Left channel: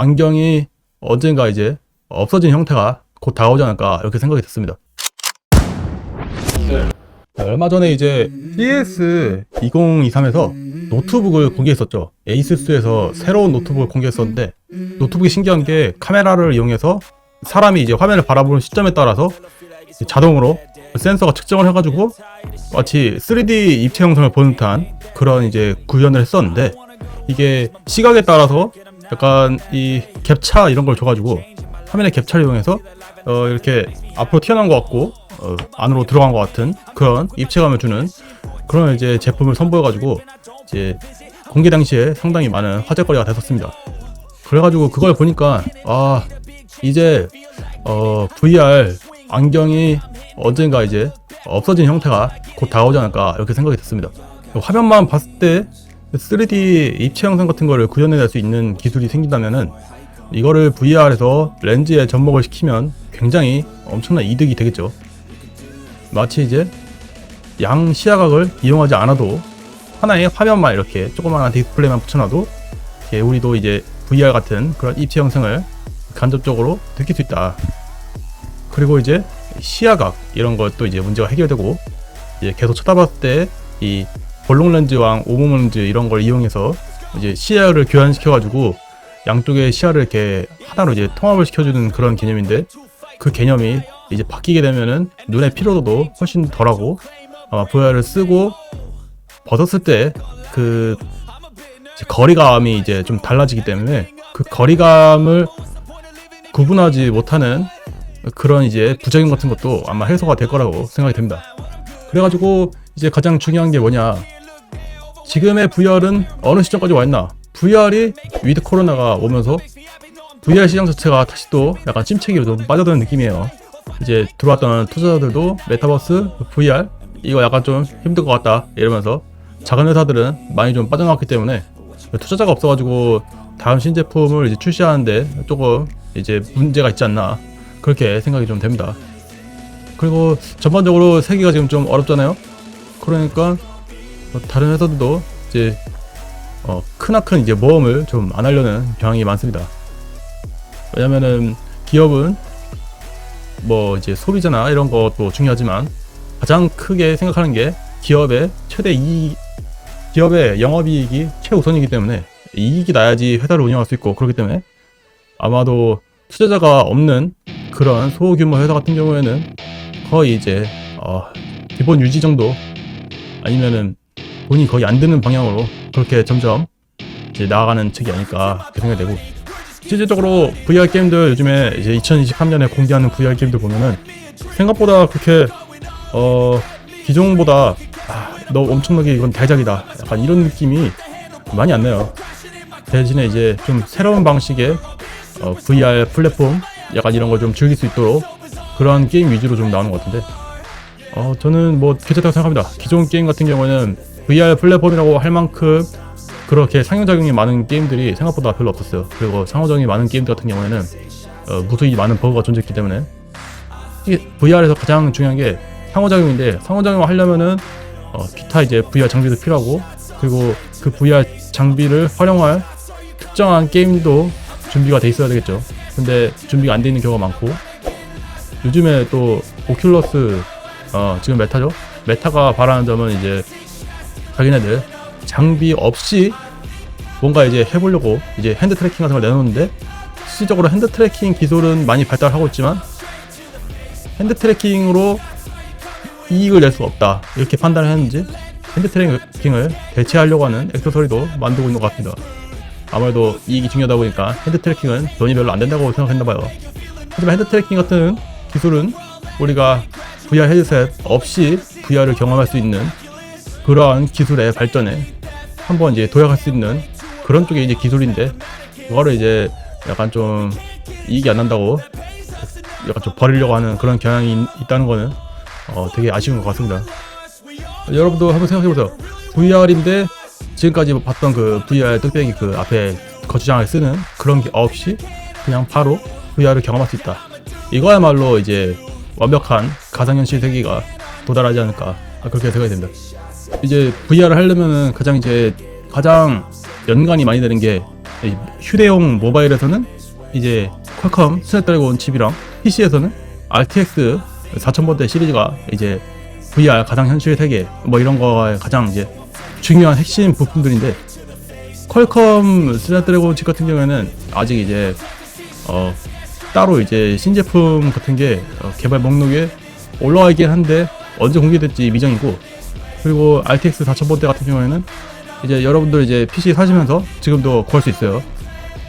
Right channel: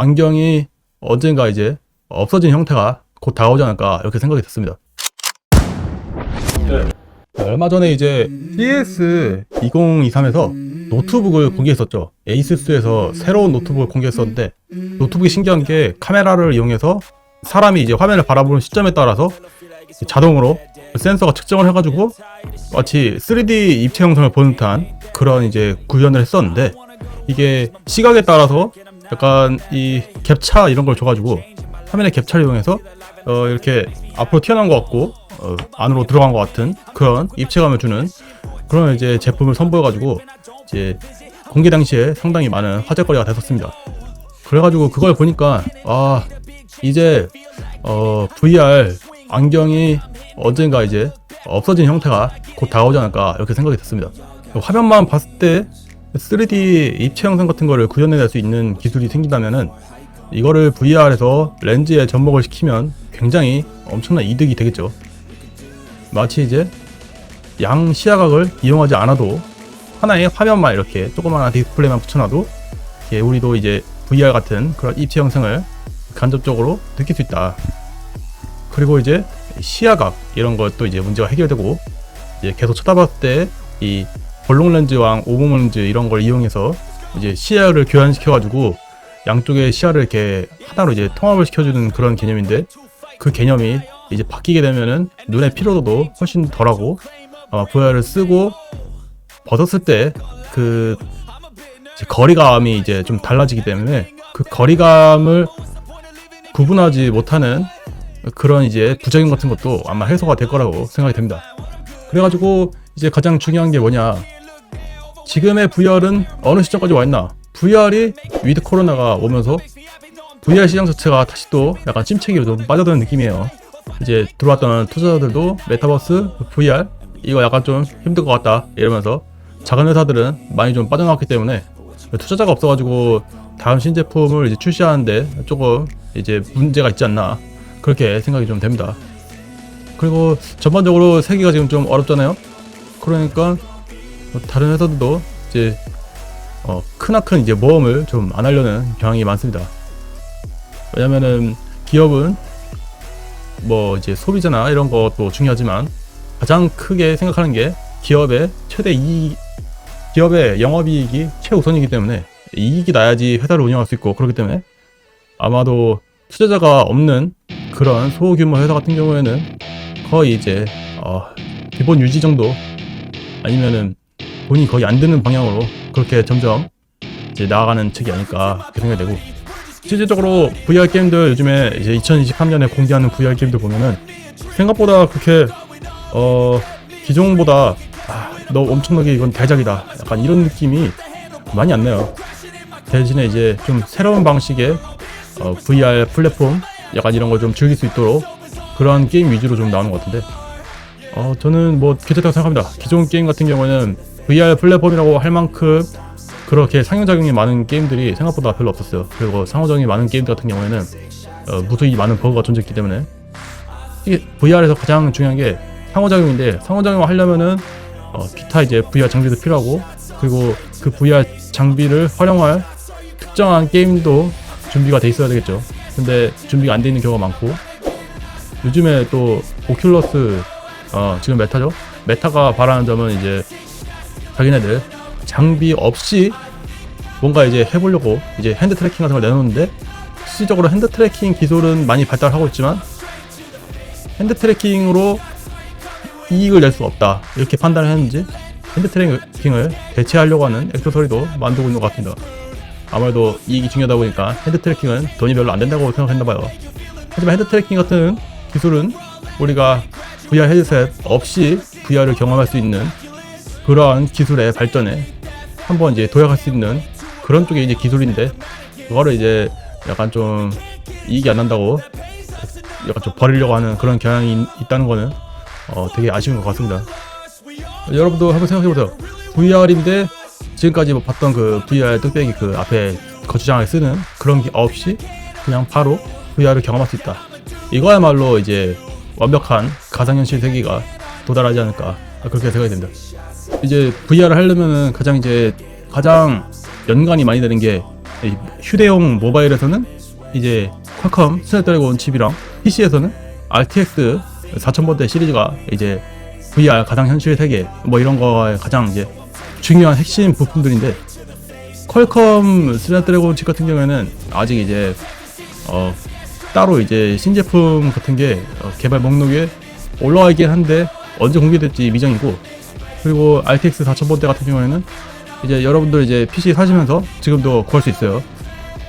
안경이 언젠가 이제 없어진 형태가 곧 다가오지 않을까 이렇게 생각이 됐습니다. 네. 얼마 전에 이제 CES 2023에서 노트북을 공개했었죠. 에이수스에서 새로운 노트북을 공개했었는데, 노트북이 신기한 게 카메라를 이용해서 사람이 이제 화면을 바라보는 시점에 따라서 자동으로 센서가 측정을 해가지고 마치 3D 입체 영상을 보는 듯한 그런 이제 구현을 했었는데, 이게 시각에 따라서 약간 이 갭차 이런 걸 줘가지고 화면의 갭차를 이용해서 이렇게 앞으로 튀어나온 것 같고 안으로 들어간 것 같은 그런 입체감을 주는 그런 이제 제품을 선보여가지고 이제 공개 당시에 상당히 많은 화제거리가 됐었습니다. 그래가지고 그걸 보니까 이제 VR 안경이 언젠가 이제 없어진 형태가 곧 다가오지 않을까 이렇게 생각이 됐습니다. 화면만 봤을 때 3D 입체 영상 같은 거를 구현해낼 수 있는 기술이 생긴다면은 이거를 VR에서 렌즈에 접목을 시키면 굉장히 엄청난 이득이 되겠죠. 마치 이제 양 시야각을 이용하지 않아도 하나의 화면만 이렇게 조그마한 디스플레이만 붙여놔도 우리도 이제 VR 같은 그런 입체 영상을 간접적으로 느낄 수 있다. 그리고 이제 시야각 이런 것도 이제 문제가 해결되고, 이제 계속 쳐다봤을 때 이 볼록 렌즈와 오봉 렌즈 이런 걸 이용해서 이제 시야를 교환시켜가지고 양쪽의 시야를 이렇게 하나로 이제 통합을 시켜주는 그런 개념인데, 그 개념이 이제 바뀌게 되면은 눈의 피로도도 훨씬 덜하고 VR을 쓰고 벗었을 때 그 거리감이 이제 좀 달라지기 때문에 그 거리감을 구분하지 못하는 그런 이제 부작용 같은 것도 아마 해소가 될 거라고 생각이 됩니다. 그래가지고 이제 가장 중요한 게 뭐냐, 지금의 VR은 어느 시점까지 왔나. VR이 위드 코로나가 오면서 VR 시장 자체가 다시 또 약간 침체기로 좀 빠져드는 느낌이에요. 이제 들어왔던 투자자들도 메타버스, VR 이거 약간 좀 힘든 것 같다 이러면서 작은 회사들은 많이 좀 빠져나왔기 때문에 투자자가 없어가지고 다음 신제품을 이제 출시하는데 조금 이제 문제가 있지 않나 그렇게 생각이 좀 됩니다. 그리고 전반적으로 세계가 지금 좀 어렵잖아요. 그러니까 다른 회사들도 이제 크나큰 이제 모험을 좀 안 하려는 경향이 많습니다. 왜냐면은 기업은 뭐 이제 소비자나 이런 것도 중요하지만 가장 크게 생각하는 게 기업의 최대 이익, 기업의 영업이익이 최우선이기 때문에 이익이 나야지 회사를 운영할 수 있고, 그렇기 때문에 아마도 투자자가 없는 그런 소규모 회사 같은 경우에는 거의 이제 기본 유지 정도 아니면은 돈이 거의 안 드는 방향으로 그렇게 점점 이제 나아가는 측이 아닐까 생각이 되고, 실질적으로 VR 게임들 요즘에 이제 2023년에 공개하는 VR 게임들 보면은 생각보다 그렇게 기존보다 너 엄청나게 이건 대작이다 약간 이런 느낌이 많이 안 나요. 대신에 이제 좀 새로운 방식의 VR 플랫폼 약간 이런 걸 좀 즐길 수 있도록 그런 게임 위주로 좀 나오는 것 같은데, 저는 뭐 괜찮다고 생각합니다. 기존 게임 같은 경우에는 VR 플랫폼이라고 할 만큼 그렇게 상호작용이 많은 게임들이 생각보다 별로 없었어요. 그리고 상호작용이 많은 게임들 같은 경우에는 무수히 많은 버그가 존재했기 때문에 이게 VR에서 가장 중요한 게 상호작용인데, 상호작용을 하려면은 기타 이제 VR 장비도 필요하고, 그리고 그 VR 장비를 활용할 특정한 게임도 준비가 돼 있어야 되겠죠. 근데 준비가 안 돼 있는 경우가 많고, 요즘에 또 오큘러스 지금 메타죠. 메타가 바라는 점은 이제 자기네들 장비 없이 뭔가 이제 해보려고 이제 핸드 트래킹 같은 걸 내놓는데, 실질적으로 핸드 트래킹 기술은 많이 발달하고 있지만 핸드 트래킹으로 이익을 낼 수 없다 이렇게 판단을 했는지 핸드 트래킹을 대체하려고 하는 액세서리도 만들고 있는 것 같습니다. 아무래도 이익이 중요하다 보니까 핸드 트래킹은 돈이 별로 안 된다고 생각했나봐요. 하지만 핸드 트래킹 같은 기술은 우리가 VR 헤드셋 없이 VR을 경험할 수 있는 그런 기술의 발전에 한번 이제 도약할 수 있는 그런 쪽의 이제 기술인데, 그거를 이제 약간 좀 이익이 안 난다고 약간 좀 버리려고 하는 그런 경향이 있다는 거는 되게 아쉬운 것 같습니다. 여러분도 한번 생각해보세요. VR인데 지금까지 봤던 그 VR 뚝배기 그 앞에 거치장을 쓰는 그런 게 없이 그냥 바로 VR을 경험할 수 있다. 이거야말로 이제 완벽한 가상현실 세계가 도달하지 않을까 그렇게 생각이 됩니다. 이제 VR을 하려면은 가장 연관이 많이 되는 게 휴대용 모바일에서는 이제 퀄컴 스냅드래곤 칩이랑 PC에서는 RTX 4000번대 시리즈가 이제 VR 가상 현실 세계 뭐 이런 거에 가장 이제 중요한 핵심 부품들인데, 퀄컴 스냅드래곤 칩 같은 경우에는 아직 이제 따로 이제 신제품 같은 게 개발 목록에 올라와 있긴 한데 언제 공개될지 미정이고, 그리고 RTX 4000번대 같은 경우에는 이제 여러분들 이제 PC 사시면서 지금도 구할 수 있어요.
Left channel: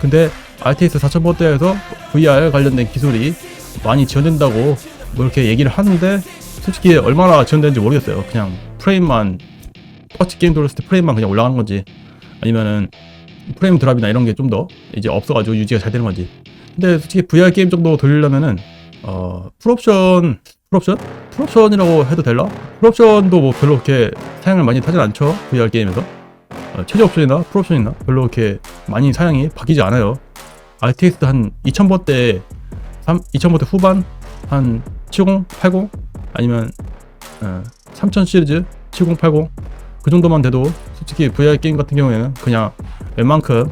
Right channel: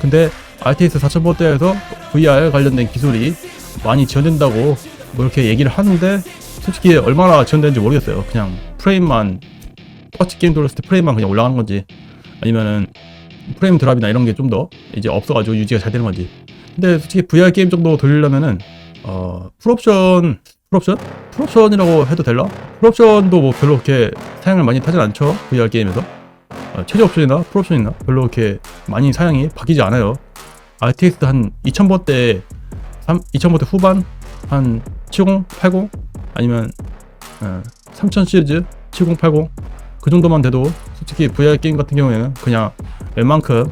근데 RTX 4000번대에서 VR 관련된 기술이 많이 지원된다고 뭐 이렇게 얘기를 하는데, 솔직히 얼마나 지원되는지 모르겠어요. 그냥 프레임만, 퍼치 게임 돌렸을 때 프레임만 그냥 올라가는 건지, 아니면은 프레임 드랍이나 이런 게 좀 더 이제 없어가지고 유지가 잘 되는 건지. 근데 솔직히 VR 게임 정도 돌리려면은 풀옵션이라고 해도 될라? 풀옵션도 뭐 별로 그렇게 사양을 많이 타진 않죠. VR 게임에서 최저 옵션이나 풀옵션이나 별로 그렇게 많이 사양이 바뀌지 않아요. RTX 한 2000번대 2000번대 후반 한 70, 80 아니면 3000 시리즈 70, 80 그 정도만 돼도 솔직히 VR 게임 같은 경우에는 그냥 웬만큼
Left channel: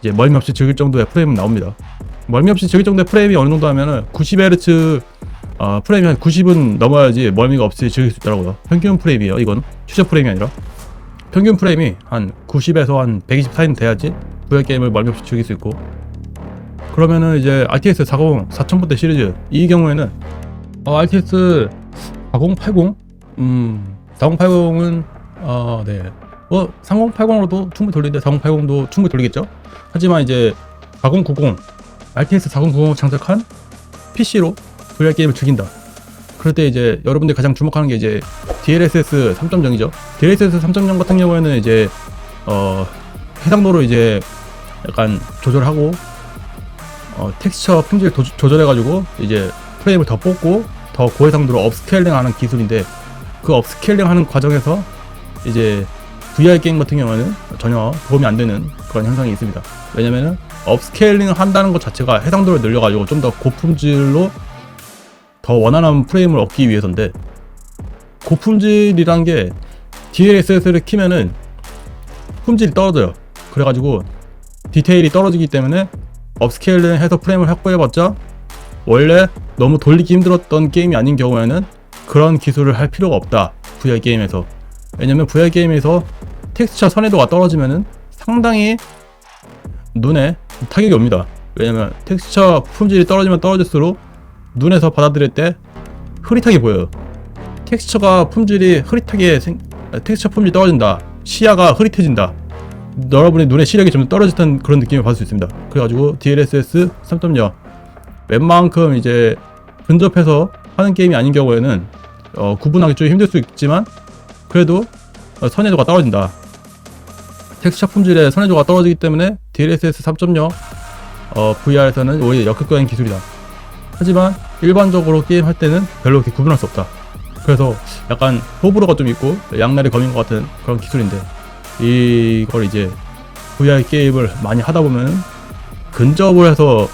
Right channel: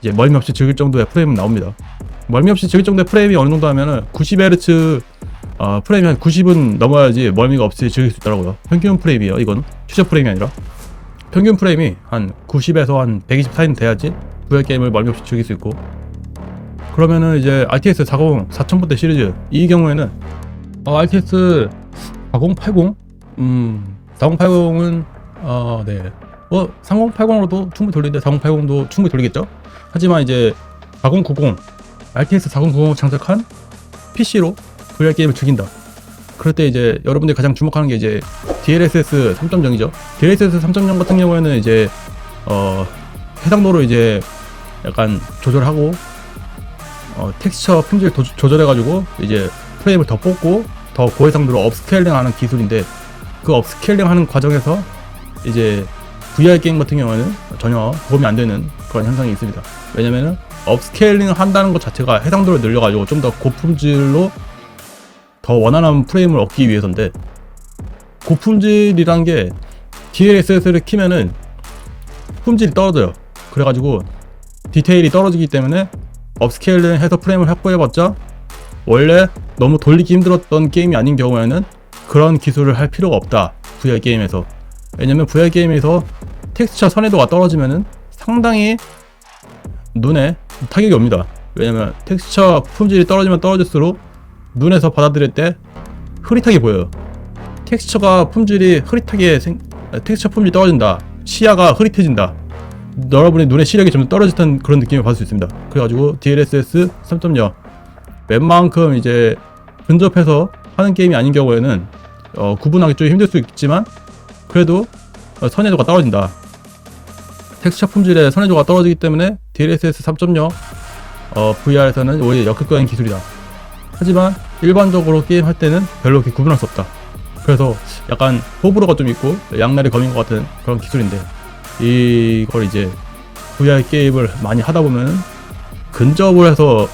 이제 멀미 없이 즐길 정도의 프레임은 나옵니다. 멀미 없이 즐길 정도의 프레임이 어느 정도 하면은 90Hz 프레임이 한 90은 넘어야지 멀미가 없이 즐길 수 있더라고요. 평균 프레임이에요. 이건 최저 프레임이 아니라 평균 프레임이 한 90에서 한 120 사이는 돼야지 VR 게임을 멀미 없이 즐길 수 있고, 그러면은 이제 RTX 4000번대 시리즈 이 경우에는 RTX 4080 4080은 네 3080으로도 충분히 돌리는데 4080도 충분히 돌리겠죠. 하지만 이제 4090 RTX 4090을 장착한 PC로 VR 게임을 즐긴다. 그럴 때 이제 여러분들이 가장 주목하는 게 이제 DLSS 3.0이죠. DLSS 3.0 같은 경우에는 이제 해상도로 이제 약간 조절하고 텍스처 품질 조절해가지고 이제 프레임을 더 뽑고 더 고해상도로 업스케일링하는 기술인데, 그 업스케일링하는 과정에서 이제 VR 게임 같은 경우는 전혀 도움이 안 되는 그런 현상이 있습니다. 왜냐면은 업스케일링 한다는 것 자체가 해상도를 늘려가지고 좀 더 고품질로 더 원활한 프레임을 얻기 위해서인데, 고품질이란 게 DLSS를 키면은 품질이 떨어져요. 그래가지고 디테일이 떨어지기 때문에 업스케일링 해서 프레임을 확보해봤자 원래 너무 돌리기 힘들었던 게임이 아닌 경우에는 그런 기술을 할 필요가 없다. VR 게임에서. 왜냐면 VR 게임에서 텍스처 선해도가 떨어지면은 상당히 눈에 타격이 옵니다. 왜냐면 텍스처 품질이 떨어지면 떨어질수록 눈에서 받아들일 때 흐릿하게 보여요. 텍스처 품질이 떨어진다. 시야가 흐릿해진다. 여러분의 눈의 시력이 좀 떨어졌던 그런 느낌을 받을 수 있습니다. 그래가지고 DLSS 3.0 웬만큼 이제 근접해서 하는 게임이 아닌 경우에는 구분하기 좀 힘들 수 있지만 그래도 선해도가 떨어진다. 텍스처 품질의 선해도가 떨어지기 때문에 DLSS 3.0 VR에서는 오히려 역극적인 기술이다. 하지만 일반적으로 게임 할 때는 별로 그렇게 구분할 수 없다. 그래서 약간 호불호가 좀 있고 양날의 검인 것 같은 그런 기술인데, 이걸 이제 VR 게임을 많이 하다 보면 근접을 해서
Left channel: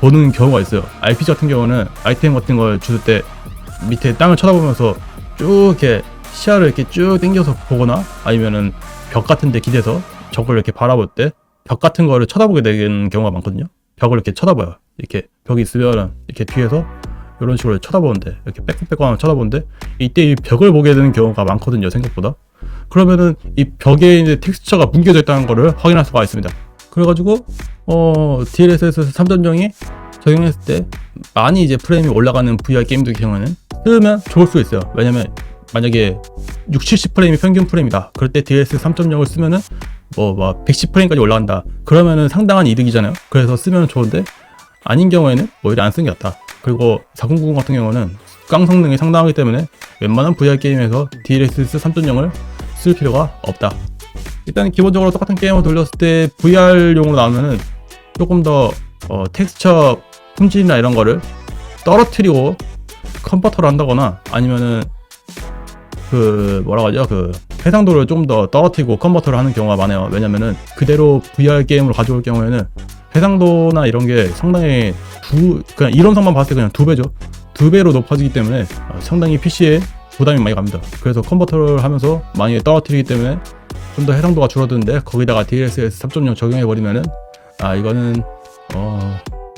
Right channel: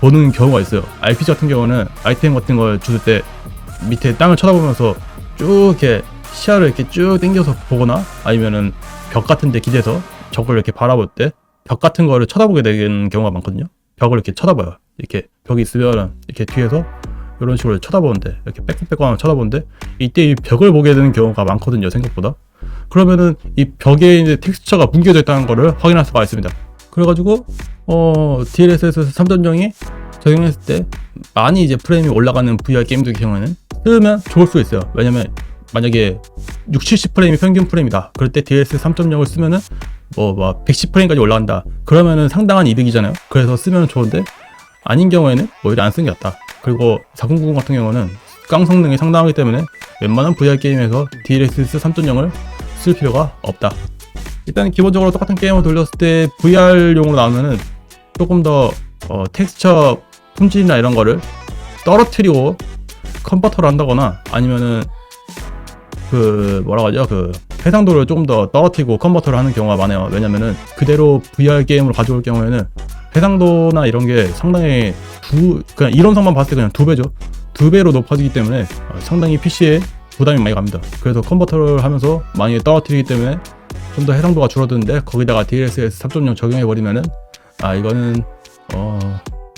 보는 경우가 있어요. RPG 같은 경우는 아이템 같은 걸 줄 때 밑에 땅을 쳐다보면서 쭉 이렇게 시야를 이렇게 쭉 당겨서 보거나, 아니면은 벽 같은 데 기대서 적을 이렇게 바라볼 때 벽 같은 거를 쳐다보게 되는 경우가 많거든요. 벽을 이렇게 쳐다봐요. 이렇게 벽이 있으면 이렇게 뒤에서 이런 식으로 쳐다보는데, 이렇게 빽빽빽하면 쳐다보는데 이때 이 벽을 보게 되는 경우가 많거든요, 생각보다. 그러면은 이 벽에 이제 텍스처가 뭉겨져 있다는 거를 확인할 수가 있습니다. 그래가지고 DLSS 3.0이 적용했을 때 많이 이제 프레임이 올라가는 VR 게임들 경우에는 쓰면 좋을 수 있어요. 왜냐면 만약에 60, 70프레임이 평균 프레임이다. 그럴 때 DLSS 3.0을 쓰면은 막 110프레임까지 올라간다. 그러면은 상당한 이득이잖아요. 그래서 쓰면 좋은데, 아닌 경우에는 오히려 안 쓰는 게 낫다. 그리고 490 같은 경우는 깡 성능이 상당하기 때문에 웬만한 VR 게임에서 DLSS 3.0을 쓸 필요가 없다. 일단 기본적으로 똑같은 게임을 돌렸을 때 VR용으로 나오면은 조금 더 텍스처 품질이나 이런 거를 떨어뜨리고 컨버터를 한다거나, 아니면은 해상도를 좀 더 떨어뜨리고 컨버터를 하는 경우가 많아요. 왜냐면은 그대로 VR 게임으로 가져올 경우에는 해상도나 이런 게 상당히 그냥 이론상만 봤을 때 그냥 2배죠. 2배로 높아지기 때문에 상당히 PC에 부담이 많이 갑니다. 그래서 컨버터를 하면서 많이 떨어뜨리기 때문에 좀 더 해상도가 줄어드는데, 거기다가 DLSS 3.0 적용해버리면은 아 이거는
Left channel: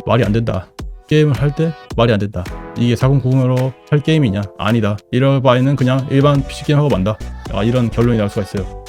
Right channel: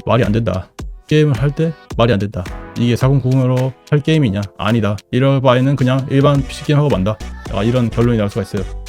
말이 안 된다. 게임을 할 때 말이 안 된다. 이게 4090으로 할 게임이냐? 아니다. 이럴 바에는 그냥 일반 PC 게임 하고 만다. 이런 결론이 날 수가 있어요.